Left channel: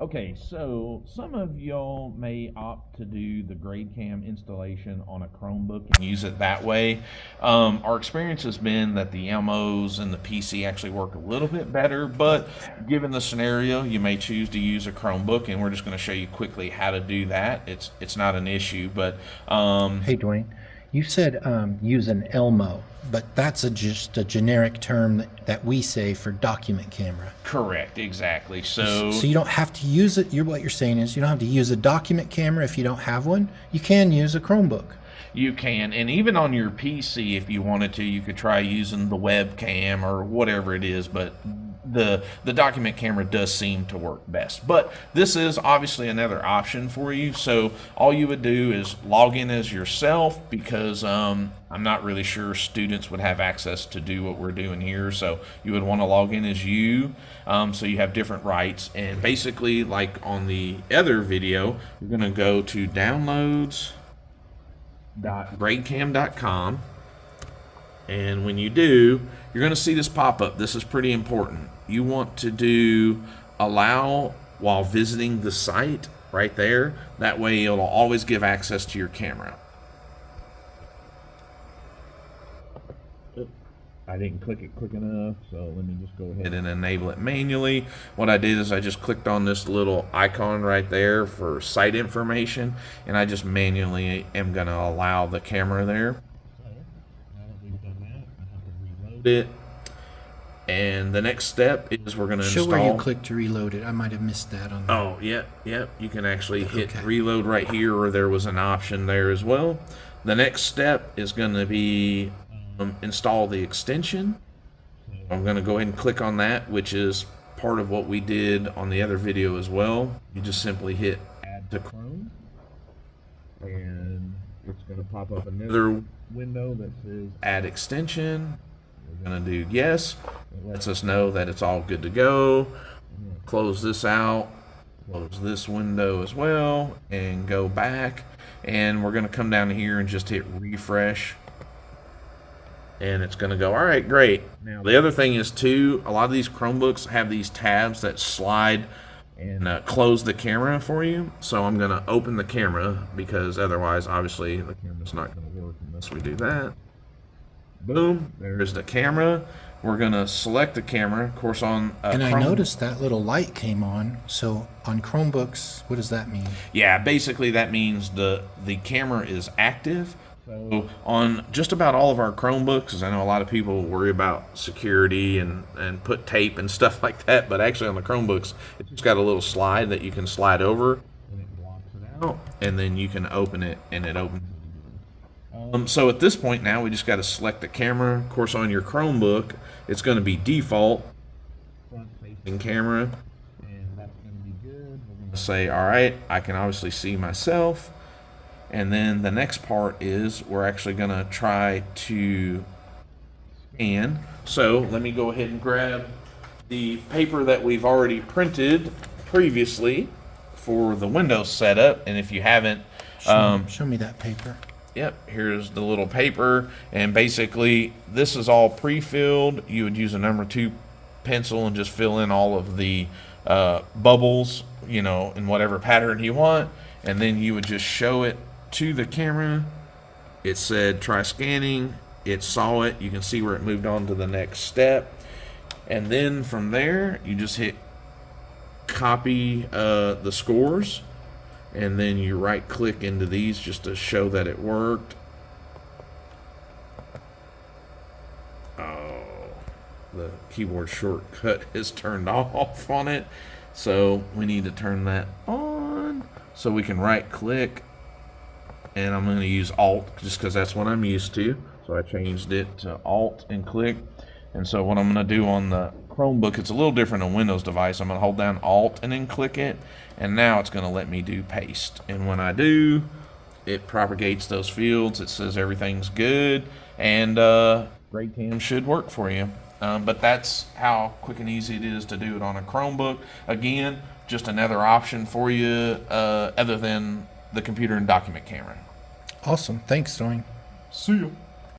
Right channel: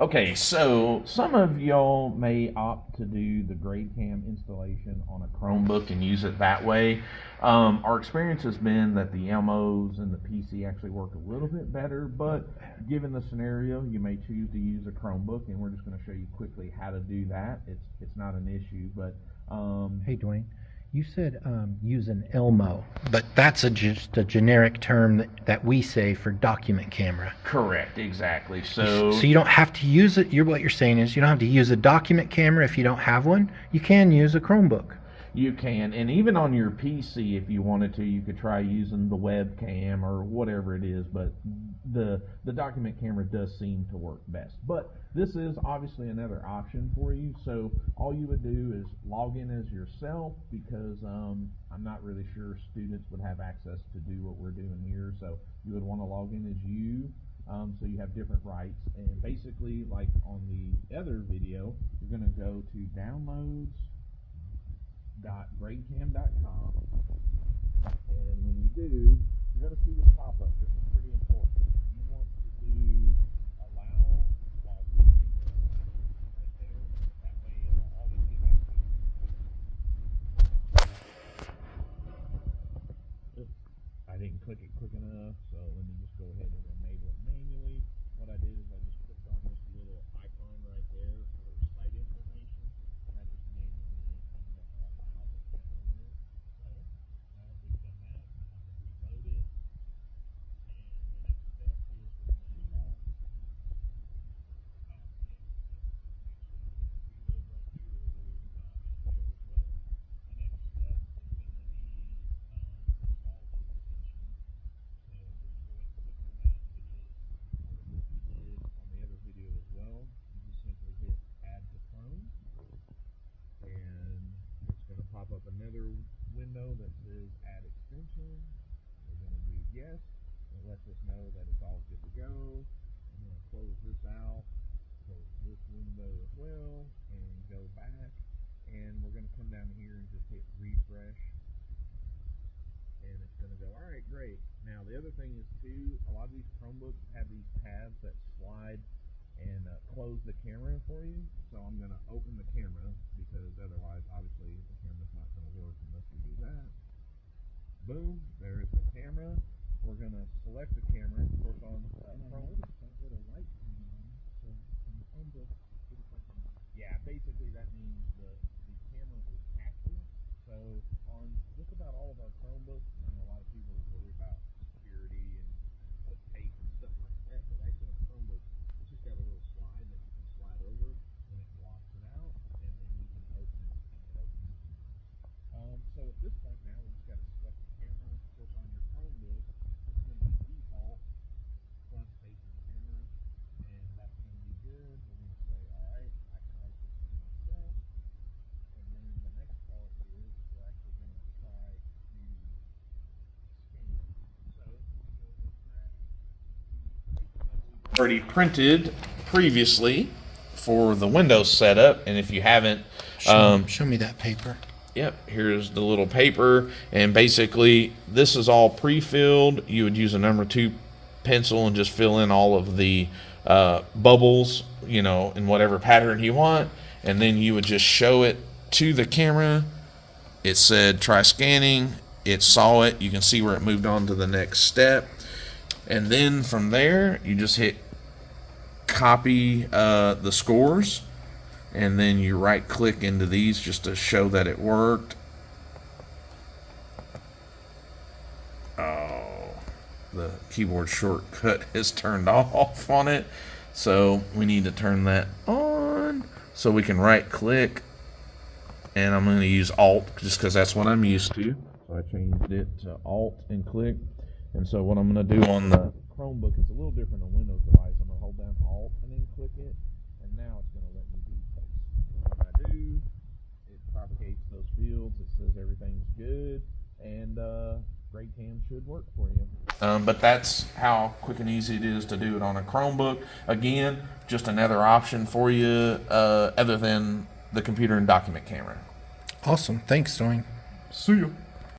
Okay, so some of y'all may opt to do the GradeCam installation on a Chromebook and use it that way. Our experience has been that the MOs and the PC actually work a little bit better, but given the scenario, you may choose to use a Chromebook, and we're just going to show you quickly how to do that. It's not an issue, but Hey, Dwayne, you said use an Elmo, but that's just a generic term that we say for document camera. correct, exactly. So So you don't have to use it. What you're saying is you don't have to use a document camera if you don't have one. You can use a Chromebook. you can, and even on your PC, if you wanted to, you could try using the webcam or whatever it is, but the document camera does seem to work best. But this is obviously another option for you. So all you would do is log in as yourself, because I'm not really sure students would have access to do what we're doing here. So you would want to log in as you, so you have different rights. And basically, like on the other video, you're going to go to downloads.gradecam.com, and when you do, you're going to see this pop up. This is pretty important. You want to do allow while visiting the site right there. That way it'll always give access to your camera. I didn't click it quick enough, so let me just go ahead and enable it manually. What I did is I just clicked on this little icon right there for site information, and I just manually am going to allow the camera there. So now that we've done that, I have to reload it. And the next step is we're going to install. Show where you click to reload it. I might have missed that on. Oh, yeah. You can actually hit reload right here, or there was an option there as well. The next step is going to be install the extension. I'm going to go ahead and click on that, which is part of what we did on the other video as well. You just simply hit add to Chrome, and it's going to pop up another window that says add extension. We're going to do yes. It lets us know that it's all good to go. I'm going to close this out, close this window as well, and go back. And we're going to come down here and just hit refresh. And it's going to go, all right, great. Now, the other thing is, too, a lot of these Chromebooks have these tabs that slide and close the camera for you. So I'm going to open the camera, because otherwise, obviously, the camera's not going to work unless we do that. Boom, there's the camera. We're going to select the camera, of course, on and I noticed that little light came on. So on Chromebooks, what does that mean? Yeah, basically that means the camera is active. So on just about all of our Chromebooks, because I know a lot of people worry about security and put tape and stuff like that, but actually on the Chromebooks, it's just got a little slide that you can slide over, and it blocks it out, and then you can open it, and it opens. So at this point now, we just got to select the camera. Of course, on your Chromebook, it's going to be default front-facing camera, and that's going to be good. We're going to say, all right, I can obviously see myself. And then the next part is we're actually going to try to scan. So let me go ahead and grab the paper that we've already printed previously for the Windows setup. And if you haven't, show me that paper. Yep, here's the little paper, and basically this is all pre-filled. You would use a number 2 pencil and just fill in all of the bubbles, you know, in whatever pattern you want, and then you would just show it to the camera. It said try scanning. It saw it. You can see where it moved on to the next step, and then from there you just hit copy the scores. And then you right click into these just to show that it worked. Oh, the keyboard shortcut is turned off on it. So we need to turn that on. So we can right click. And I'm going to use Alt just because that's what I'm used to. So I changed it to Alt and click. And so what I'm going to do on the Chromebook, it's a little different on Windows device. I'm going to hold down Alt and then click it. And now it's going to let me do paste. And when I do, it propagates those fields. It says everything's good. And GradeCam should work for you. But that's how quick and easy it is to do it on a Chromebook. Again, just another option for you other than the computer and document camera. Awesome. Thanks, Dwayne. See ya.